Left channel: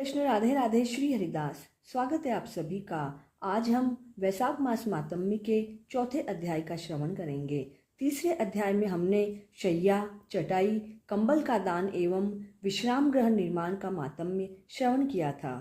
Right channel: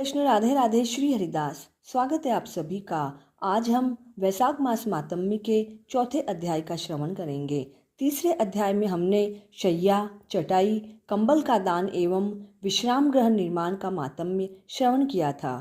कृष्ण राधे राधे। श्री हरिदास। स्वागत है आप सभी का। आज हम वैशाख मास मातम्य के चौथे अध्याय का श्रवण करेंगे। तीसरे अध्याय में हमने शैया, चटाई, कंबल का दान एवं विश्राम गृह निर्माण का मातम्य श्रवण किया था।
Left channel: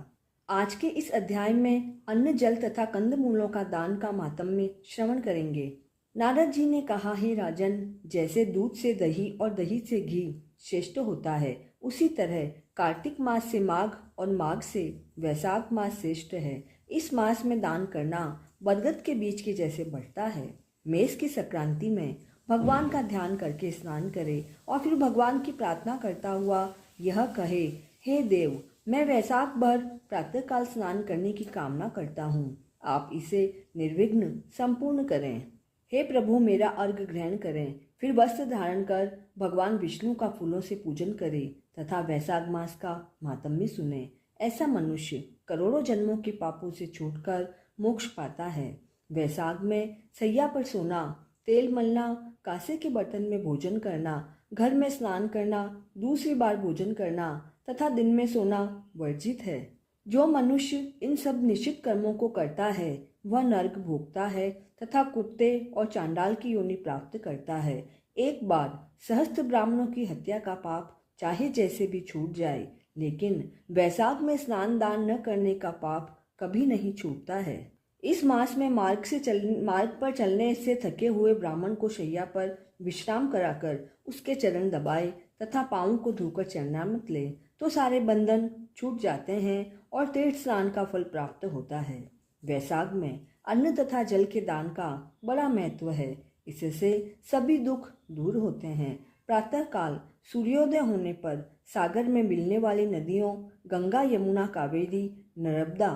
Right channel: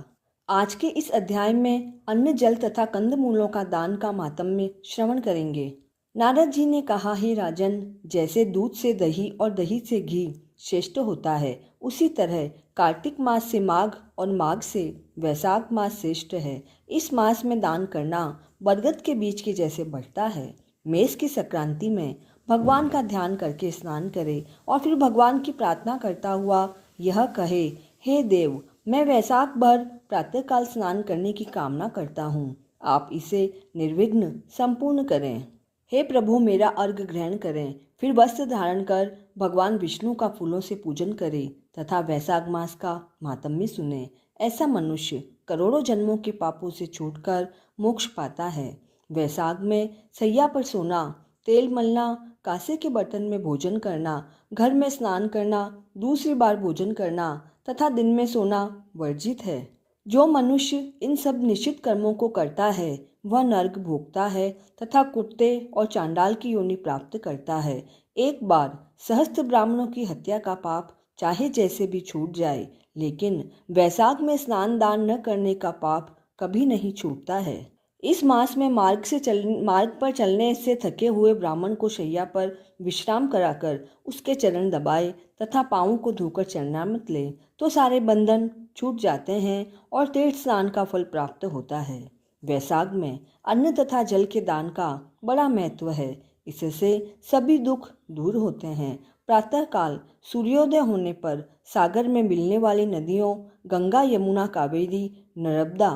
आज के इस अध्याय में अन्न, जल तथा कंदमूलों का दान का मातम्य श्रवण करेंगे। नारद जी ने कहा, हे राजन, जैसे दूध से दही और दही से घी श्रेष्ठ होता है, उसी तरह कार्तिक मास से माघ और माघ से वैशाख मास श्रेष्ठ है। इस मास में दान करना बरगद के बीज के जैसे बढ़ता है। मेष की संक्रांति में भगवान का ध्यान करके स्नान करे और फिर भगवान की प्रार्थना करता हुआ यह कहे, हे देव, मैं वैशाख भर प्रातःकाल स्नान करने की कामना करता हूँ, आप इसे निर्विघ्न संपूर्ण करें। हे प्रभु, मेरा अर्घ ग्रहण करें। फिर वस्त्र धारण कर भगवान विष्णु का फूलों से पूजन करें तथा वैशाख मास का मातम्य सुने। ऐसा मनुष्य करोड़ों जन्मों के पापों से छूटकर मोक्ष पाता है। वैशाख में सैया पर सोना, तेल मलना, कांसे के बर्तन में भोजन करना, घर में स्नान करना, दूसरी बार भोजन करना तथा दिन में सोना वर्जित है। जो मनुष्य इन सब निश्चित कर्मों को करता है वह नरक भोगता है तथा कुत्ते और चांडाल की योनि प्राप्त करता है। एक बार सहस्त्र ब्राह्मणों की हत्या का पाप चाहे जैसे भी छूट जाए, लेकिन वैशाख में स्नान दान न करने का पाप कभी नहीं छूटता है। इस मास में मार्ग पर चलने से थके हुए ब्राह्मण को शैया पर विश्राम कराकर उसके चरण दबाए तथा पाँवों को धोकर चरणामृत ले तो सारे बंधन छूट जाते हैं और तीर्थ स्नान का फल प्राप्त होता है। वैशाख में अन्न तथा जल के दान का बड़ा महत्व है। इससे सभी दुख दूर होते हैं। प्रातःकाल सूर्योदय होने पर सागर में मिलने वाली नदियों गंगा, यमुना, कावेरी, नर्मदा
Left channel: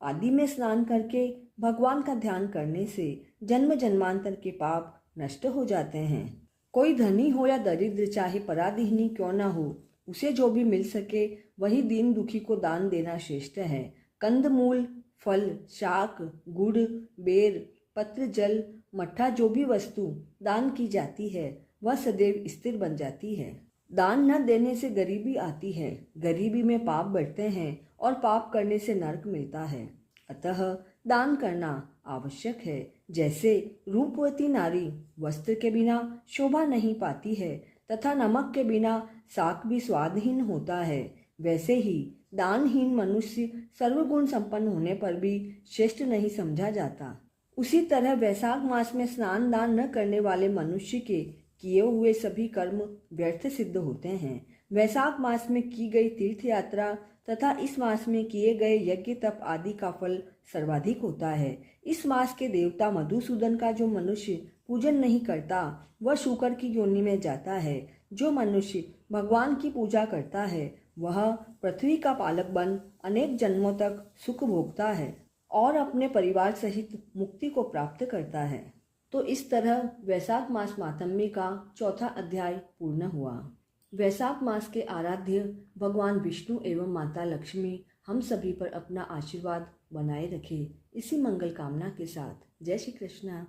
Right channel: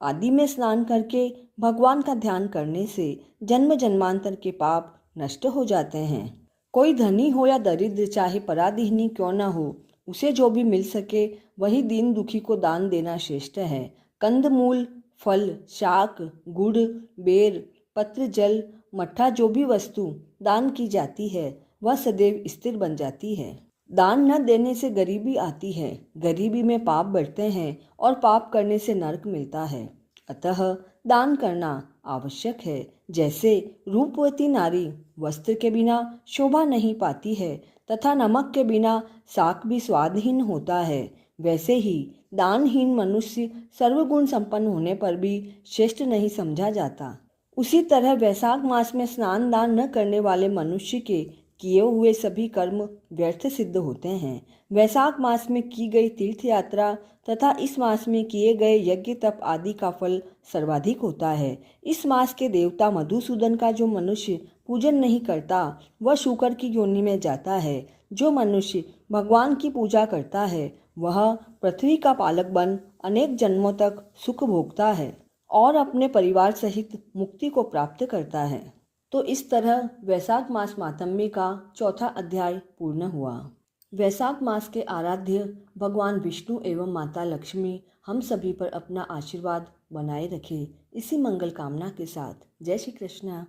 आदि में स्नान करके भगवान का ध्यान करने से जन्म जन्मांतर के पाप नष्ट हो जाते हैं। कोई धनी हो या दरिद्र, चाहे पराधीनी क्यों न हो, उसे जो भी मिल सके वही दीन दुखी को दान देना श्रेष्ठ है। कंदमूल, फल, शाक, गुड़, बेर, पत्र, जल, मट्ठा जो भी वस्तु दान की जाती है वह सदैव स्थिर बन जाती है। दान न देने से गरीबी आती है, गरीबी में पाप बढ़ते हैं और पाप करने से नरक मिलता है। अतः दान करना आवश्यक है। जैसे रूपवती नारी वस्त्र के बिना शोभा नहीं पाती है तथा नमक के बिना शाक भी स्वादहीन होता है, वैसे ही दानहीन मनुष्य सर्वगुण संपन्न होने पर भी श्रेष्ठ नहीं समझा जाता। उसी तरह वैशाख मास में स्नान दान न करने वाले मनुष्य के किए हुए सभी कर्म व्यर्थ सिद्ध होते हैं। वैशाख मास में की गई तीर्थ यात्रा तथा इस मास में किए गए यज्ञ तप आदि का फल सर्वाधिक होता है। इस मास के देवता मधुसूदन का जो मनुष्य पूजन नहीं करता वह शूकर की योनि में जाता है। जो मनुष्य भगवान की पूजा करता है वह पृथ्वी का पालक बन अनेक जन्मों तक सुख भोगता है और अपने परिवार सहित मुक्ति को प्राप्त करता है। तो इस तरह वैशाख मास मातम्य का चौथा अध्याय पूर्ण हुआ। वैशाख मास के आराध्य भगवान विष्णु एवं माता लक्ष्मी हम सभी पर अपना आशीर्वाद बनाए रखे। इसी मंगल कामना के साथ जय श्री कृष्ण।